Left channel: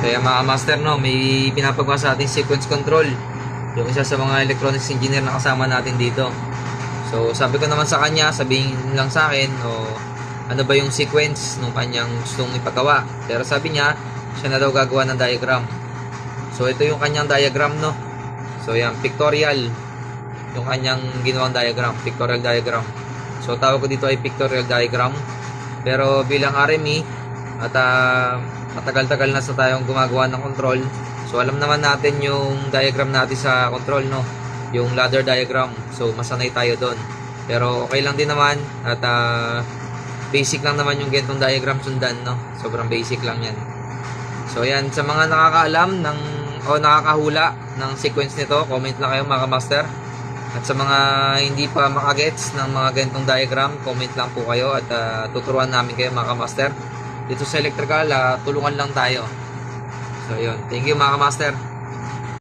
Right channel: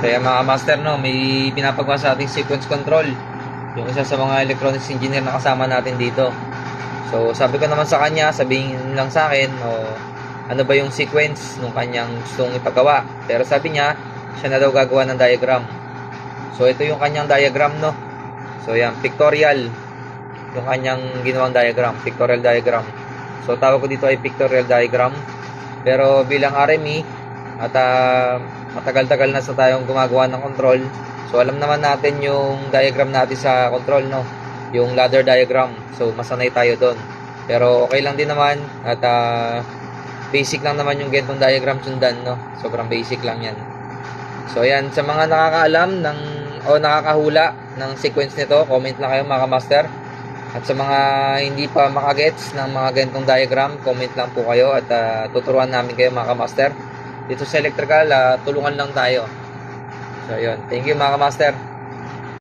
Kaya mga master, no, may pinapagawa sa ating sequence control. Yung isa sa mga electronics engineer na kasama natin dito. So sabi ko naman sa kanya, sabihin lang sa akin o ano ba yung sequence nung kanyang gustong ipagawa. Pero sabi niya, siya na daw gagawa ng diagram. So ito yung kanyang diagram, no. So yan, pictorial. Yung kanyang ginawang diagram, pictorial diagram. So tawag ko dito ay pictorial diagram. Pero bilang RME at matagal-tagal na sa tayong gumagawa ng control, so alam naman natin yung diagram natin sa control, no, yung ladder diagram. So masanay tayo doon. Pero okay lang din naman at basic lang naman yung ganitong diagram sundan, no. Sobrang basic lang yan. So yan, sa mga nakakaalam ng o nakakahula ng sequence nito, comment lang kayo mga master. At sa mga hindi pa makagets ng mga ganitong diagram, comment lang po kayo at tuturuan namin kayo mga master. Dito sa electrical, tulungan lang tayo. So yun, thank you mga master.